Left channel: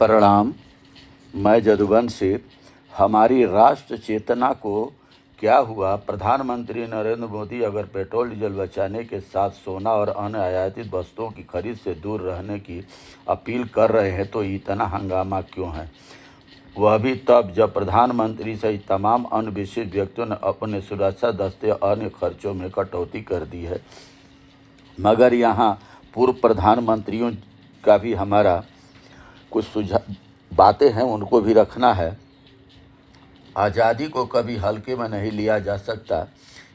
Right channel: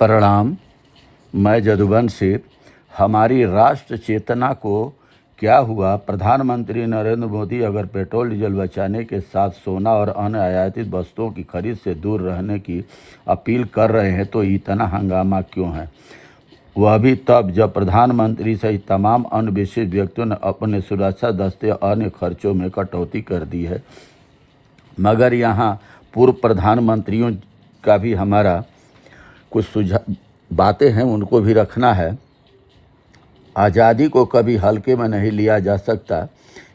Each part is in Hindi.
प्रणाम। मैं जदुवंशी। हमारी राष्ट्र चेतना को क्या हुआ? प्रधानमंत्री नरेंद्र मोदी अगर पेट्रोल डीजल बचाने के साथ सोना और अन्य आयातित वस्तुओं की खरीद से दूर रहने की अपील कर रहे हैं तो इतना हंगामा क्यों है? वह भी तब जब प्रधानमंत्री सहित तमाम अन्य विशिष्ट व्यक्तियों ने अपने सुरक्षा दस्ते और अन्य खर्चों में कटौती कर दी है। मगर यहाँ पूर्व प्रधानमंत्रियों का भी हमारा कुछ सुझाव बातें हैं, उनको भी रखना है। आज़ादी को कभी हल्के में नहीं लिया जा सकता।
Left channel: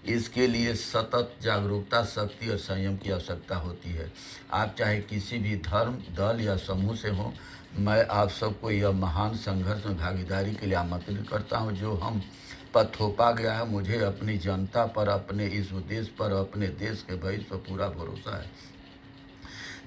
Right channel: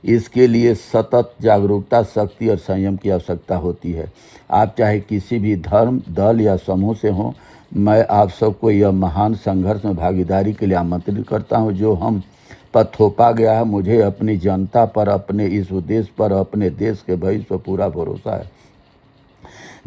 इसके लिए सतत जागरूकता, शक्ति और संयम की आवश्यकता होती है। आप चाहे किसी भी धर्म, दल या समूह से हों, मैं आप सबको यह महान संघर्ष में भागीदारी के लिए आमंत्रित करता हूं जो हम पर थोपा गया है। मुझे अपनी जनता पर, अपने इस उद्देश्य पर, अपने देश के भविष्य पर पूरा भरोसा है।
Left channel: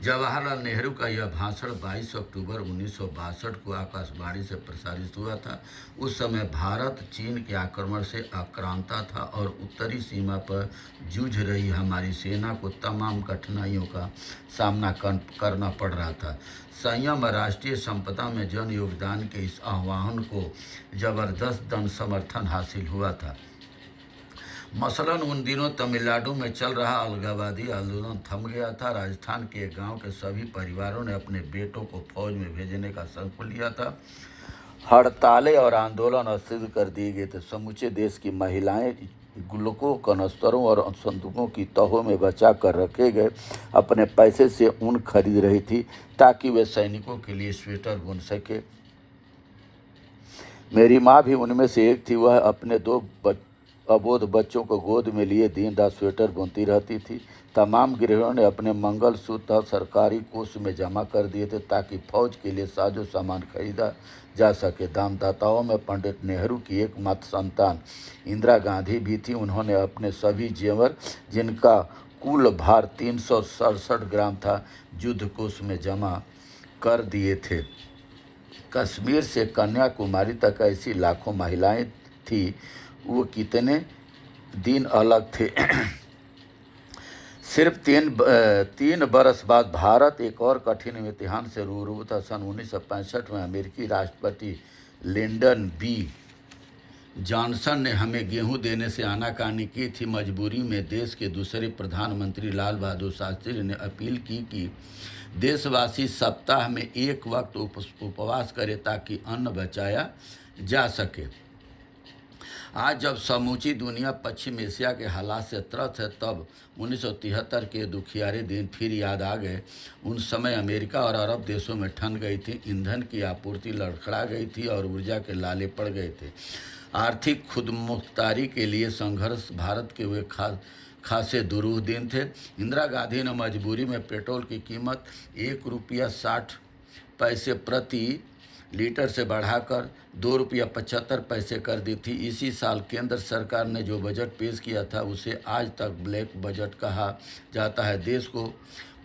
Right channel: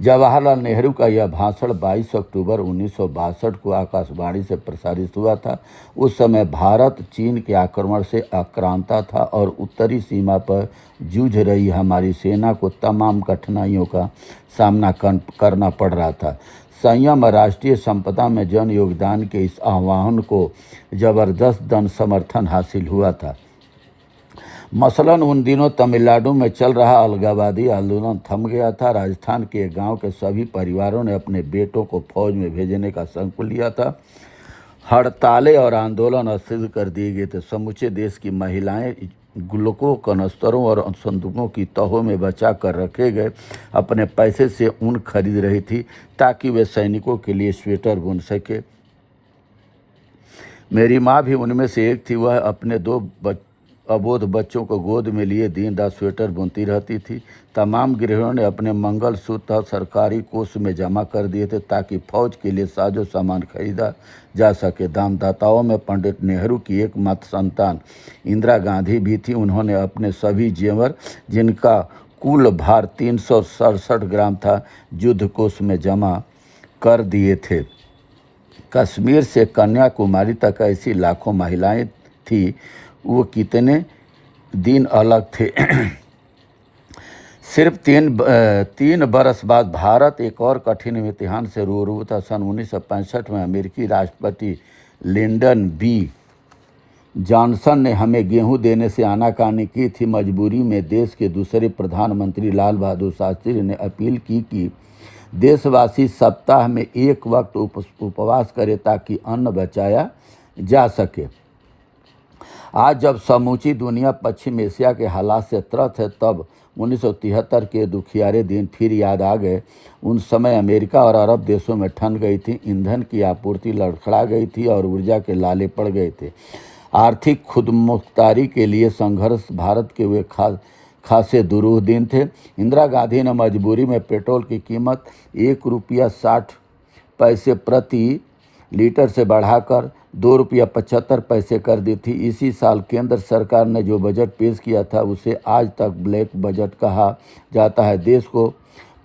जवाहरलाल नेहरू का यह भाषण 22 अक्टूबर 1962 को आकाशवाणी से प्रसारित हुआ था। उस समय भारत चीन के आक्रमण से आक्रांता था और उत्तरी सीमा पर जूझ रही हमारी सेना को तमाम कठिनाइयों का सामना करना पड़ रहा था। संयम और राष्ट्रीय संपदा में जन योगदान के इस आह्वान को जबरदस्त जन समर्थन हासिल हुआ था। मसलन उन दिनों तमिलनाडु में चल रहा अलगाववादी आंदोलन थम गया था। राजस्थान के गांव के सभी परिवारों ने अपने बेटों को फौज में भेजने का संकल्प लिया था। हड़तालें और आंदोलन अस्थिर कर दिए गए थे। समूचे देश की महिलाएं गुल्लकों, कनस्तरों और संदूकों की तहों में बचा कर रखे गए अपने पैसे से ऊन खरीद रही थी ताकि वे सैनिकों के लिए स्वेटर बुन सके। मेरी माँ भी उनमें से एक थी। वह अपने दो अबोध बच्चों को गोद में लिए दिन रात स्वेटर बुनती रहती थी। तमाम गृहिणियों ने अपने मंगलसूत्र सरकारी कोष में जमा कर दिए थे ताकि फौज के लिए साजो सामान खरीदा जा सके। दानदाताओं में पंडित नेहरू की एकमात्र संतान इंदिरा गांधी भी थी। उन्होंने अपने सभी जेवर, जिनका कुल भार 367 ग्राम था, युद्ध कोष में जमा कर दिए थे। कश्मीर से कन्याकुमारी तक ऐसी लाखों महिलाएं थी। वो कितने दिन अलग थे। सिर्फ तीन बरस बाद भारत एक और कठिन इम्तिहान से रूबरू था। सन 1965 में अमेरिकी राष्ट्रपति लिंडन बी जॉनसन ने हमें गेहूं देने से आनाकानी की थी। मजबूरी में देश के दूसरे प्रधानमंत्री लाल बहादुर शास्त्री ने अपील की कि देशवासी सप्ताह में एक वक्त उपवास करें ताकि अन्न बचाया जा सके। आज जब समूची दुनिया पश्चिम एशिया के हालात से त्रस्त है, तब 1973 के दुखियारे दिन फिर याद आ गए। उन समय अमेरिका और अरब देशों में ठन गई थी, ईंधन की आपूर्ति लड़खड़ा गई थी और ऊर्जा के लाले पड़ गए थे। आर्थिक खुदमुख्तारी के लिए संघर्ष भारत के वे खासे दुरूह दिन थे। इंदिरा गांधी ने मजबूरी में पेट्रोल की कीमत ₹1.60 प्रति लीटर से बढ़ाकर ₹2.75 कर दी थी। इसी साल केंद्र सरकार ने जो बजट पेश किया था उसे आज तक ब्लैक बजट कहा जाता है। देश को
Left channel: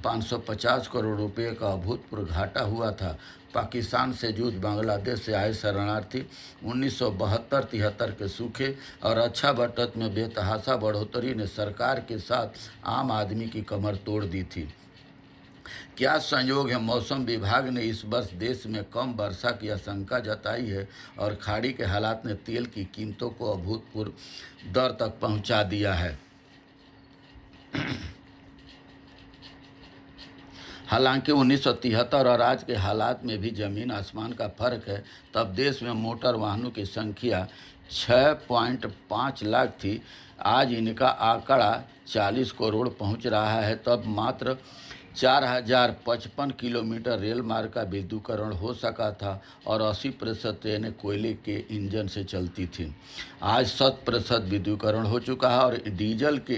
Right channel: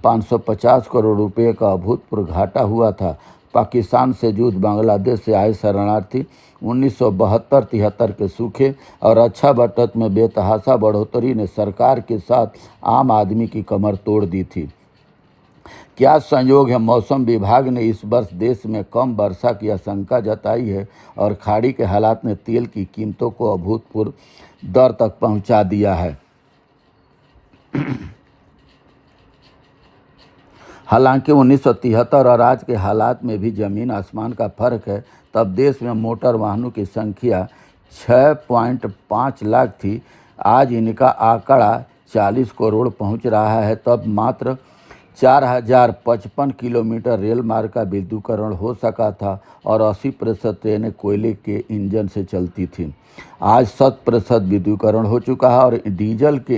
550 करोड़ रुपए का अभूतपूर्व घाटा हुआ था। पाकिस्तान से जूझ, बांग्लादेश से आए शरणार्थी, 1972-73 के सूखे और रक्षा बजट में बेतहाशा बढ़ोतरी ने सरकार के साथ आम आदमी की कमर तोड़ दी थी। क्या संयोग है, मौसम विभाग ने इस वर्ष देश में कम वर्षा की आशंका जताई है और खाड़ी के हालात ने तेल की कीमतों को अभूतपूर्व दर तक पहुंचा दिया है। हालांकि 1973 और आज के हालात में भी ज़मीन आसमान का फर्क है। तब देश में मोटर वाहनों की संख्या 6.5 लाख थी। आज इनका आंकड़ा 40 करोड़ पहुंच रहा है। तब मात्र 4055 किलोमीटर रेल मार्ग का विद्युतीकरण हो सका था और 80% ट्रेनें कोयले के इंजन से चलती थीं। आज 100% विद्युतीकरण हो चुका है और डीजल के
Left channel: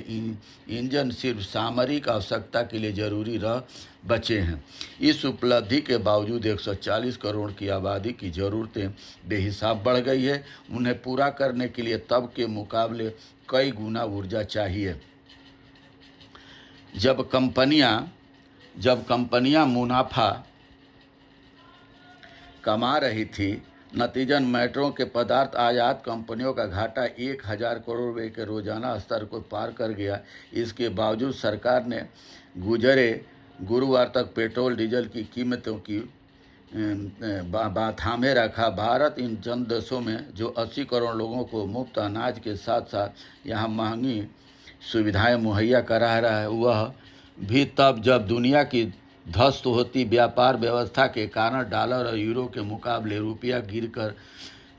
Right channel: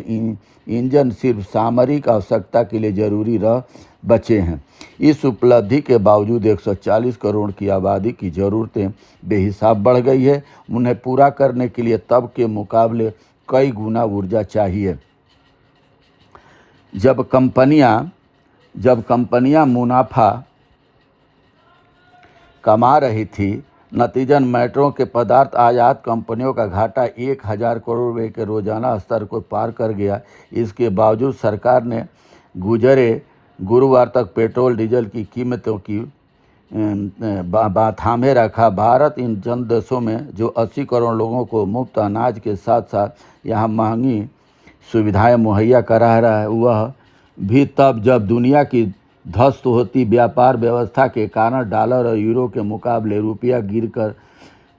इंजन सिर्फ सामरिक आवश्यकता के लिए जरूरी रह बचे हैं। इस उपलब्धि के बावजूद 140 करोड़ की आबादी की ज़रूरतें बेहिसाब बढ़ गई है। उन्हें पूरा करने के लिए तब के मुकाबले कई गुना ऊर्जा चाहिए। जब कंपनियां मुनाफा कमा रही थी, नतीजन मेट्रो के पदार्थ आयात कंपनियों का घाटा 1000 करोड़ रुपये के रोजाना स्तर को पार कर गया। इसके बावजूद सरकार ने गुजरे गुरुवार तक पेट्रोल डीजल की कीमतों की थामे रखा। भारत इन चंद देशों में जो 80 करोड़ लोगों को मुफ्त अनाज के साथ साथ यहाँ महंगी सुविधाएं मुहैया करा रहा है, वह भी तब जब दुनिया की ध्वस्त होती व्यापार व्यवस्था के कारण डॉलर और यूरो के मुकाबले रुपया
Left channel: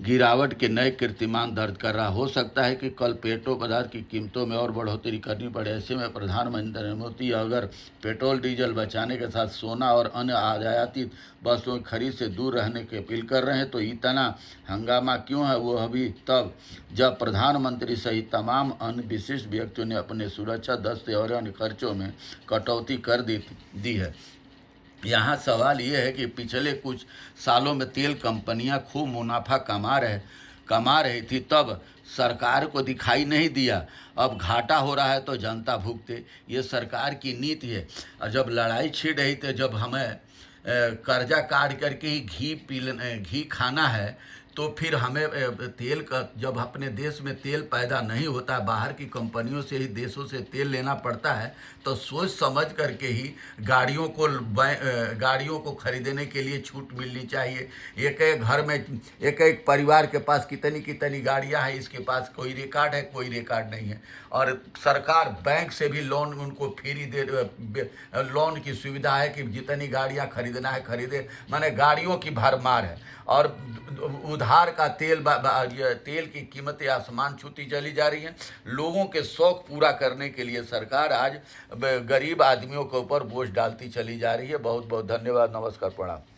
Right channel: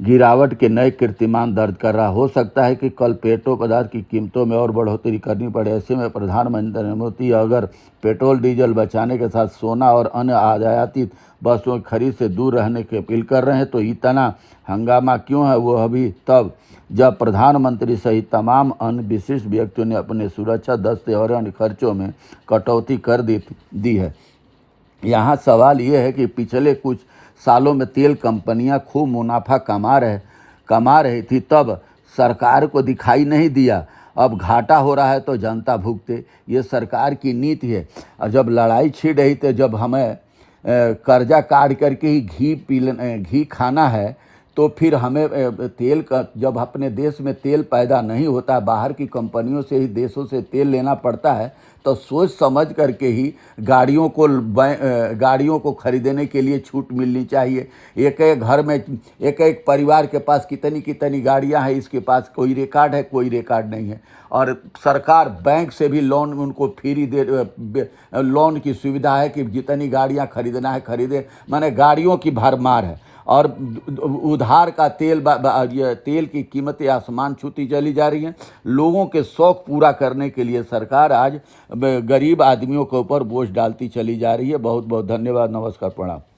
गिरावट के नए कीर्तिमान दर्ज कर रहा। हो सकता है कि कल पेट्रोल पदार्थ की कीमतों में और बढ़ोतरी करनी पड़े। ऐसे में प्रधानमंत्री नरेंद्र मोदी अगर पेट्रोल डीजल बचाने के साथ सोना और अन्य आयातित वस्तुओं की खरीद से दूर रहने की अपील कर रहे हैं, तो इतना हंगामा क्यों है? वो अभी तब जब प्रधानमंत्री सहित तमाम अन्य विशिष्ट व्यक्तियों ने अपने सुरक्षा दस्ते और अन्य खर्चों में कटौती कर दी है। यहाँ सवाल ये है कि पिछले कुछ सालों में तेल कंपनियां खूब मुनाफा कमा रही थी, तब सरकार को दिखाई नहीं दिया। अब घाटा हो रहा है तो जनता भुगते, ये सरकार की नीति है। और जब लड़ाई छिड़ रही थी, जब हमें कर्जा काट करके ही घी खाना है, तो फिर हमें तेल का, जब अपने देश में तेल पैदा नहीं होता, बाहर की कंपनियों से ही देशों से तेल लेना पड़ता है, तो सोच समझ करके ही गाड़ियों को खरीदने के लिए छूट मिलनी चाहिए। एक एक घर में एक एक परिवार के पास कितनी गाड़ियां हैं, इसके पास कोई रिकॉर्ड है, कोई रिकॉर्ड नहीं है। और सरकार बैंक से भी लोन उनको फ्री लोन की सुविधा है कि जितनी गाड़ियां खरीदना है खरीदे। माने गाड़ियों की भरमार है और उधार का तेल की कीमतें आसमान छूती चली जा रही हैं। लोगों के शौक पूरा करने के लिए सरकार आज गरीब आदमियों के ऊपर बोझ डालती चली जा रही है। बहुत बहुत धन्यवाद, नमस्कार, प्रणाम।